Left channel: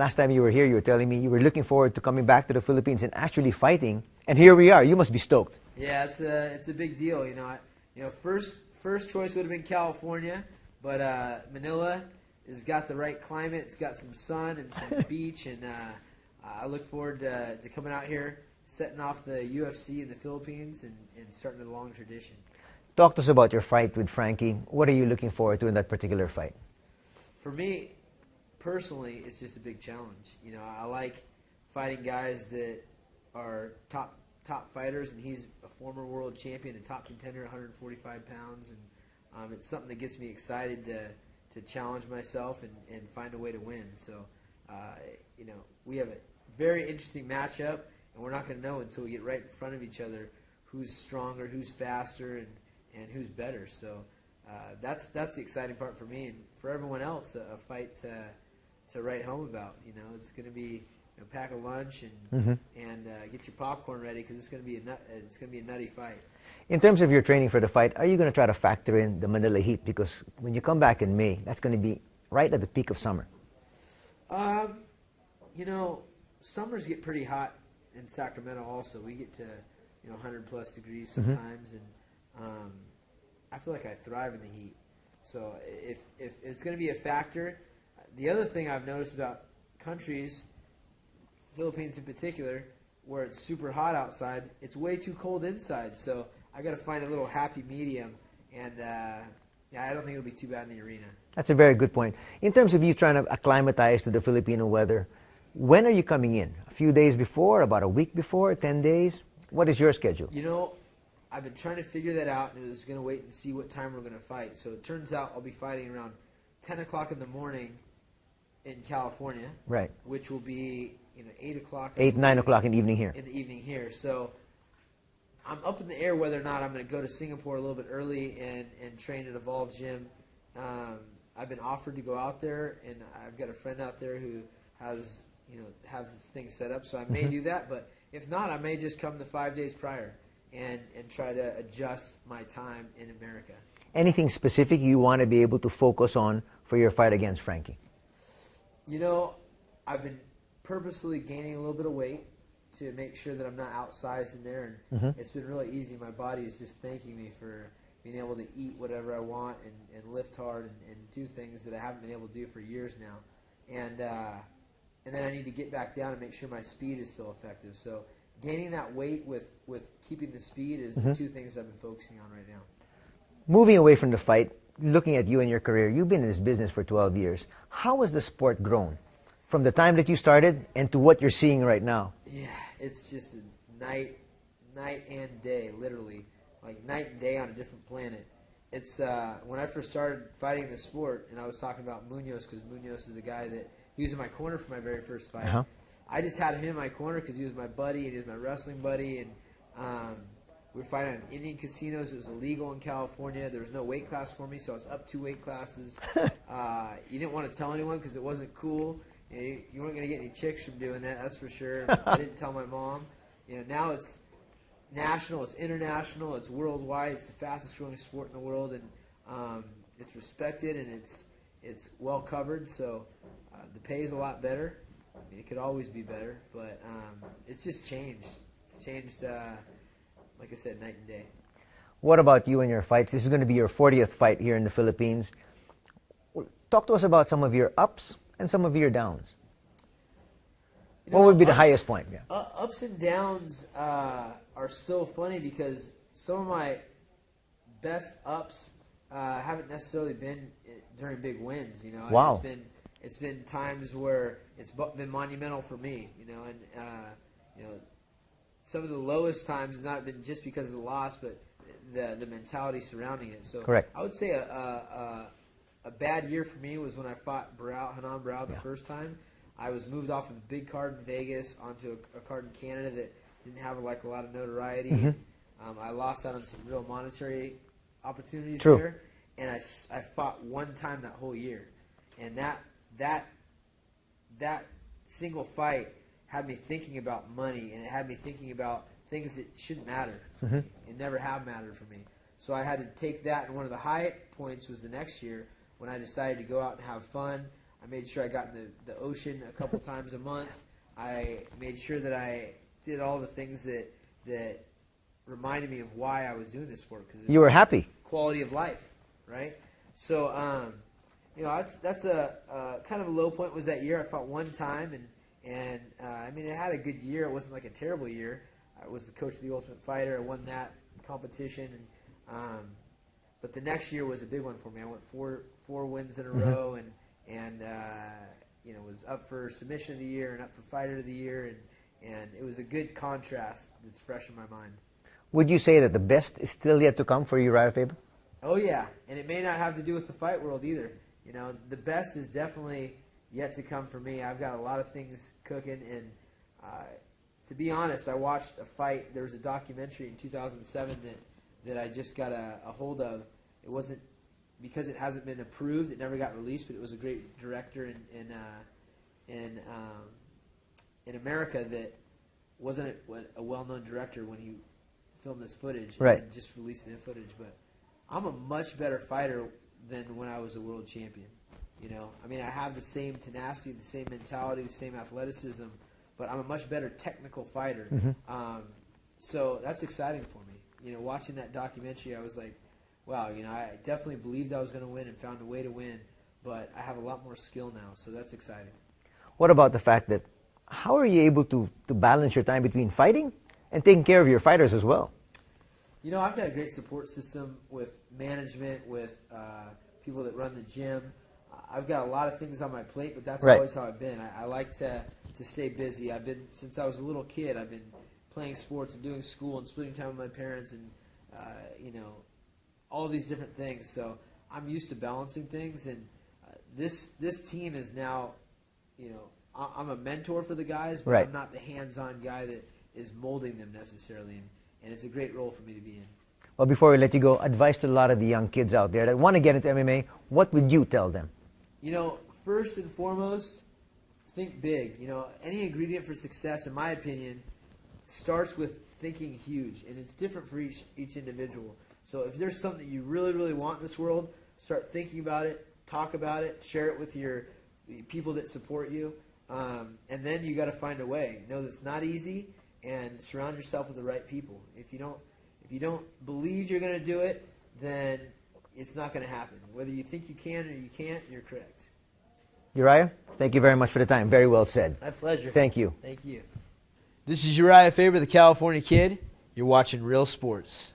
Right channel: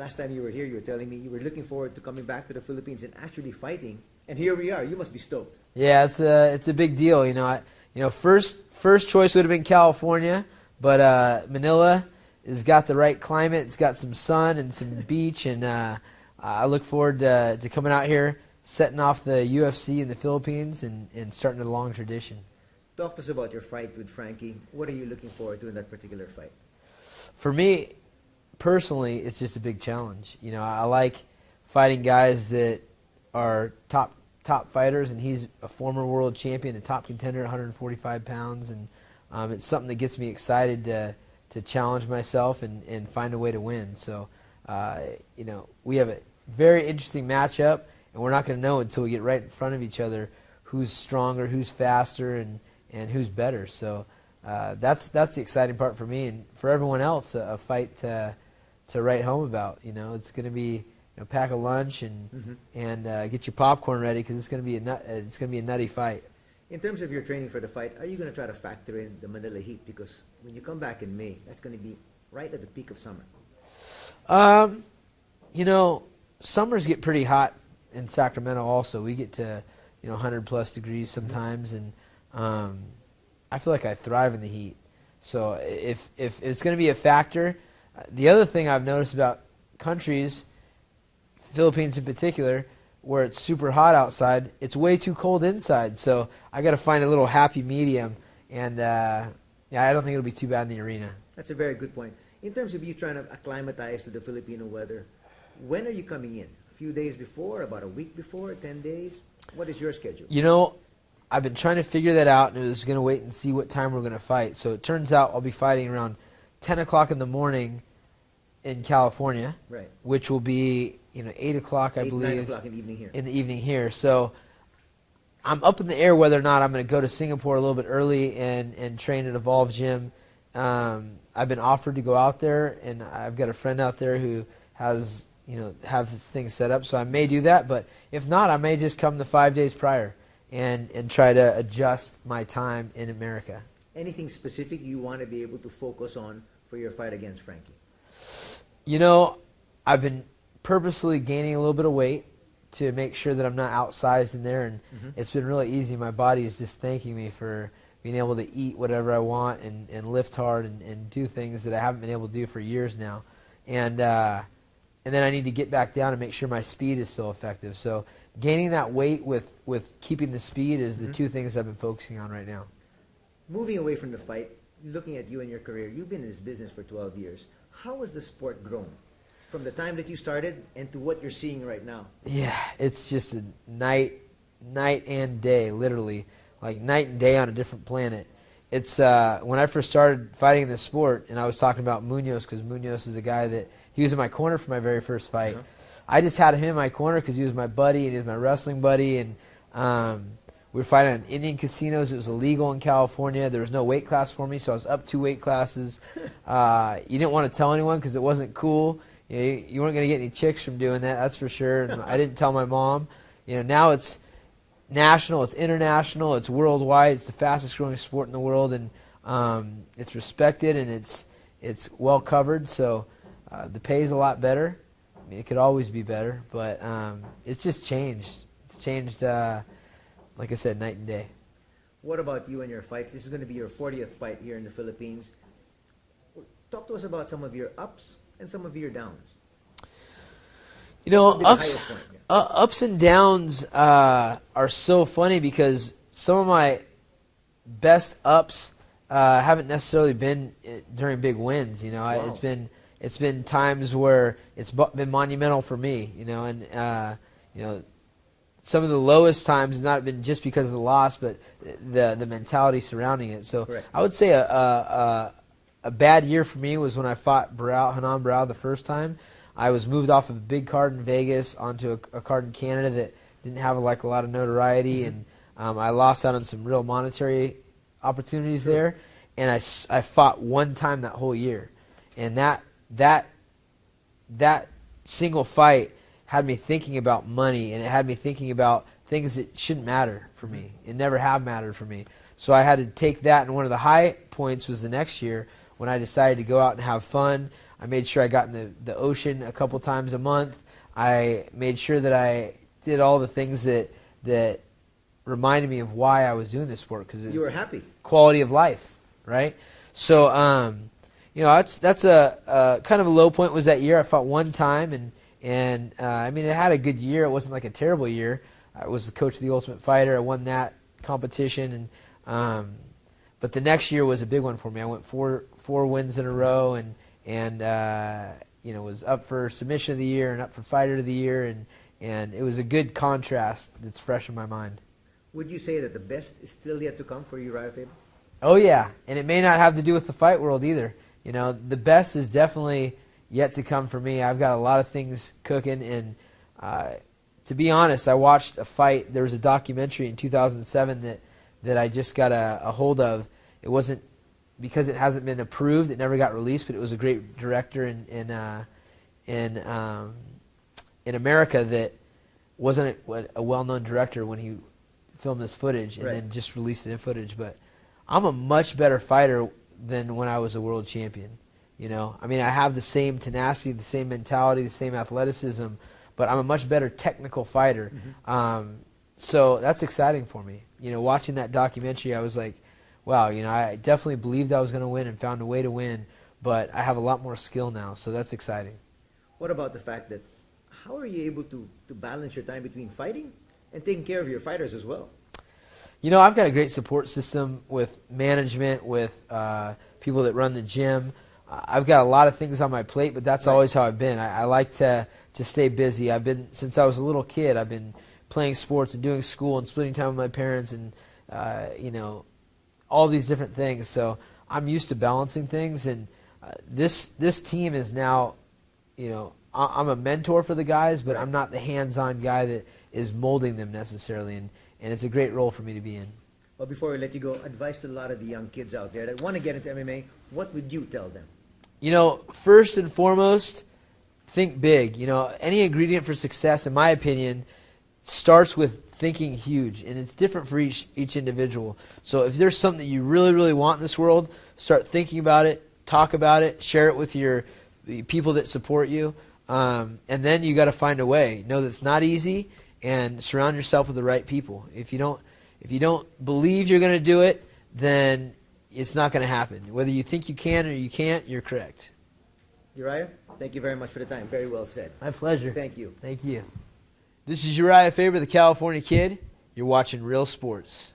last time you were here, you were telling me you were looking forward to coming back to the Philippines and actually fighting. And here we are. You must be stoked. Yeah, it's a big deal. First choice would have been California, but Manila has got the right climate. It's got some sun and some beach, and I look forward to coming out here, setting off the UFC in the Philippines, and starting a long tradition. Talk to us about your fight with Frankie. What are you looking forward to in that particular fight? For me, personally, it's just a big challenge. I like fighting guys that are top fighters, and he's a former world champion, a top contender at 145 pounds, and it's something that gets me excited to challenge myself and find a way to win. So, we have a very interesting matchup, and we're not going to know until we get right in front of each other who's stronger, who's faster, and who's better. So that's the exciting part for me, and for everyone else, a fight to write home about. It's going to be pack a lunch and get your popcorn ready, because it's going to be a nutty fight. In terms of your training for the fight, are you going to try to factor in the Manila heat? Because when you come back in May, that's going to be right at the peak of summer. Summers get pretty hot in Sacramento also. We get to 100+ degrees sometimes, and I feel like I thrive in the heat. So if it's going to be a factor, the other thing I've noticed about countries, Philippines in particular, where it's super hot outside, it's way too cold inside. So I got to find a little happy medium, and I don't think it'll be too bad in the arena. That's a very good point. In terms of you trying to acclimatize to the Filipino weather, when are you coming in? A few days before, about a week before, 10 days? What is your schedule? I've been trying to figure that out, and I was going to wait and see what time we're going to fight. So it turns out I'll be fighting around 10 o'clock in the morning in California, right? Which will be 8 o'clock, 9 o'clock in the evening here. In the evening here. So I'm up in the air whether or not I'm going to go to Singapore a little bit early and train at Evolve Gym. I've been offered to go out there, and I've got a friend out there who has this thing set up, so I may do that. But if not, I may just come the 5 days prior and try to adjust my time in America. Anything specific you want to be able to focus on for your fight against Frankie? I've been purposely gaining a little bit of weight to make sure that I'm not outsized in there, and it's been really easy. My body is just thanking me for being able to eat whatever I want and lift hard and do things that I haven't been able to do for years now. And then I need to get back down and make sure my speed is still effective. So gaining that weight with keeping the speed is the two things I've been focusing on right now. Moving away from the fight, looking at you and your career, you've been in this business for 12 years. How has the sport grown from the time that you started and to what you're seeing right now? Yeah, it's just a night and day, literally, like night and day on a different planet. It's when I first started fighting the sport, and I was talking about Munoz, because Munoz is a guy that he was in my corner for my very first fight. I just had him in my corner because he was my buddy and he was my wrestling buddy, and we were fighting in Indian casinos. It was illegal in California. There was no weight class for me, so I was up 2 weight classes. You didn't want to tell anyone because it wasn't cool. You weren't going to get any chicks from doing that, that's for sure. And I didn't tell my mom. Now it's national, it's international, it's worldwide. It's the fastest growing sport in the world, and it's respected, and it's well covered. So the pay is a lot better. I mean, it could always be better, but it's just changed. It's changed, like I said, night and day. What about you and your fights? This is going to be your 40th fight here in the Philippines. Talk to us about some of your ups and some of your downs. What would be the highest point? Yeah. Ups and downs are so funny, because some of my best ups haven't necessarily been during big wins. Wow. It's been times where it's been monumental for me. And some of the lowest times has not been just because of the loss, but the mentality surrounding it. So correct. I would say a bad year for me was when I fought Hanan Barao the first time. I was moved off of a big card in Vegas onto a card in Canada that didn't have a lot of notoriety, and I lost out on some real monetary opportunities there. And I fought one time that whole year, and that single fight had me thinking about money, and it had me thinking about things that shouldn't matter for me. It never have mattered for me. So I had to take that, and one of the high points was the next year when I decided to go out and have fun. I made sure I got in the ocean a couple times a month. I made sure that I did all the things that reminded me of why I was doing this sport, because you were happy. Quality of life, right? So, that's a kind of a low point was that year. I fought one time, and I mean, it had a good year. It wasn't like a terrible year. I was the coach of the Ultimate Fighter. I won that competition, and but the next year was a big one for me. I went four wins in a row, and was up for Submission of the Year and up for Fighter of the Year, and it was a good contrast that's fresh in my mind. Would you say that the best is still yet to come for Urijah Faber? Oh yeah, and it may not have to do with the fight world either. The best is definitely yet to come for me. I've got a lot of things cooking, and to be honest, I watched a fight. There was a documentary in 2007 that I just got a hold of. It wasn't because it hasn't been approved. It never got released, but it was a great director in America that wasn't a well-known director when he filmed this footage and then just released the footage. But I'm a much better fighter than when I was a world champion. I mean, I have the same tenacity, the same mentality, the same athleticism, but I'm a much better technical fighter. So that's exciting for me. Watching that documentary, I was like, wow, I definitely believed I was going to win and found a way to win, but I have a lot more skill now, so that's exciting. What about the fact that, how are you able to balance your time between fighting and taking care of your fighters as well? I've got a great support system with management, with people that run the gym. I've got a lot of things on my plate, but that's always how I've been. I like to stay busy. I've been, since I was a little kid, I've been playing sports and doing school and splitting time with my parents and, all these different things. So I'm used to balancing things, and this team is now, I'm a mentor for the guys, but I'm not the hands-on guy that is molding them necessarily, and it's a great role for me to be in. Well, before we let you go, advice to a lot of the young kids out there that want to get into MMA, what would you tell them? First and foremost, think big. Any ingredient for success, in my opinion, starts with thinking huge, and it's different for each individual. So if there's something that you really, really want in this world, start thinking about it, talk about it, share it with the people that support you, and then you got to find a way. Know that it's not easy, and surround yourself with the right people. If you don't believe you're going to do it, then it's not going to happen. Whether you think you can or you can't, you're correct. Urijah, thank you very much for the time. Very well said. My pleasure. Thank you. Thank you. This is Urijah Faber, the California Kid. You're watching Real Sports.